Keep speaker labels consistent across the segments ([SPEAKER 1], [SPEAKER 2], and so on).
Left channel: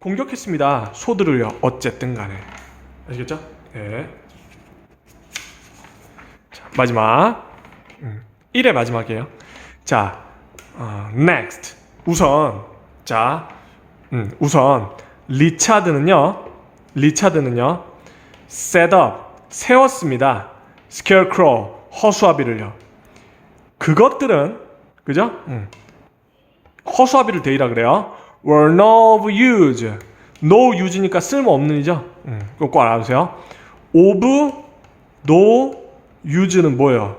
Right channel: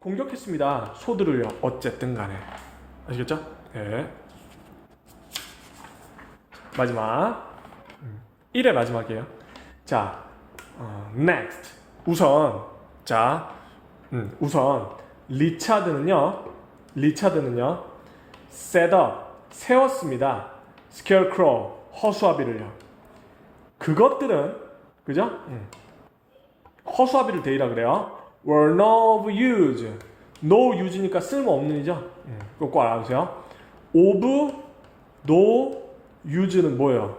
[SPEAKER 1] 공격했습니다. 소들을요. 어쨌든 간에. 아시겠죠? 네. 자, 마지막. 음, 1의 마지막이에요. 자, 어, next. 우선, 자, 음, 우선, 리차드는요, 리차드는요, set up, 세웠습니다. scarecrow, 허수아비를요. 그것들은, 그죠? 음. 허수아비를 대이라 그래요. Were no of use. no use니까 쓸모없는이죠. 음, 이거 꼭 알아두세요. of no use는 뭐예요?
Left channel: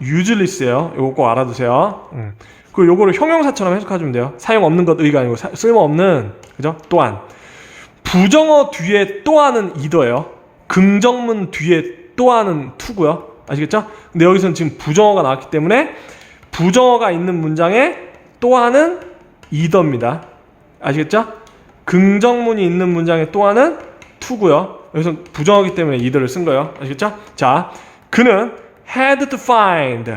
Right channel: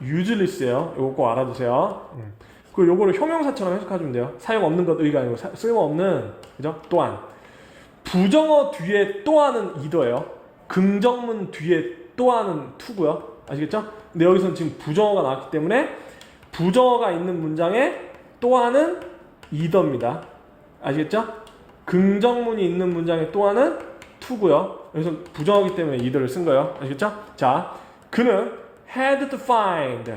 [SPEAKER 1] useless예요. 이거 꼭 알아두세요. 음. 그 요거를 형용사처럼 해석하시면 돼요. 사용 없는 것 의가 아니고 사- 쓸모 없는 그죠? 또한 부정어 뒤에 또한은 이더예요. 긍정문 뒤에 또한은 투고요. 아시겠죠? 근데 여기서는 지금 부정어가 나왔기 때문에 부정어가 있는 문장에 또한은 이더입니다. 아시겠죠? 긍정문이 있는 문장에 또한은 투고요. 여기서 부정어기 때문에 이더를 쓴 거예요. 아시겠죠? 자, 그는 had to find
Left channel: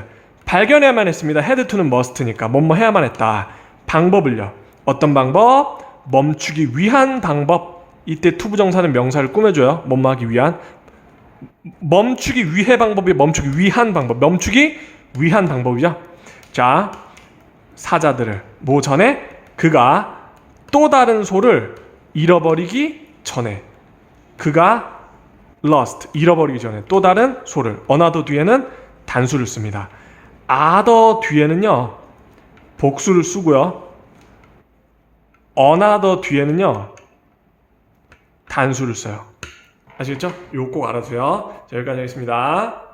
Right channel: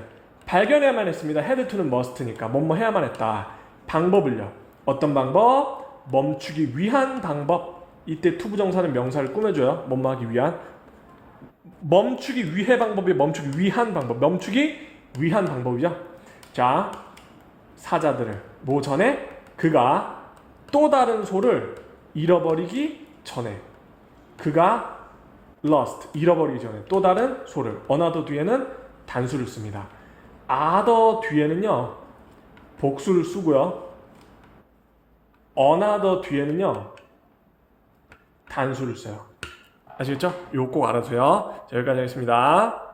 [SPEAKER 1] 발견해야만 했습니다. had to는 must니까 뭐뭐 해야만 했다. 방법을요. 어떤 방법? 멈추기 위한 방법. 이때 투부정사는 명사를 꾸며줘요. 뭐뭐 하기 위한. 멈추기 위해 방법이 멈추기 위한 방법. 멈추기 위한 방법이죠. 자, 사자들을 뭐 전에 그가 또 다른 소를 잃어버리기 전에 그가 lost 잃어버리기 전에 또 다른 소를 어나더 뒤에는 단수를 씁니다. 아더 뒤에는요 복수를 쓰고요. 어나더 뒤에는요 단수를 써요. 아시겠죠? 요거 꼭 알아두세요. 자, 여기까지 하겠습니다.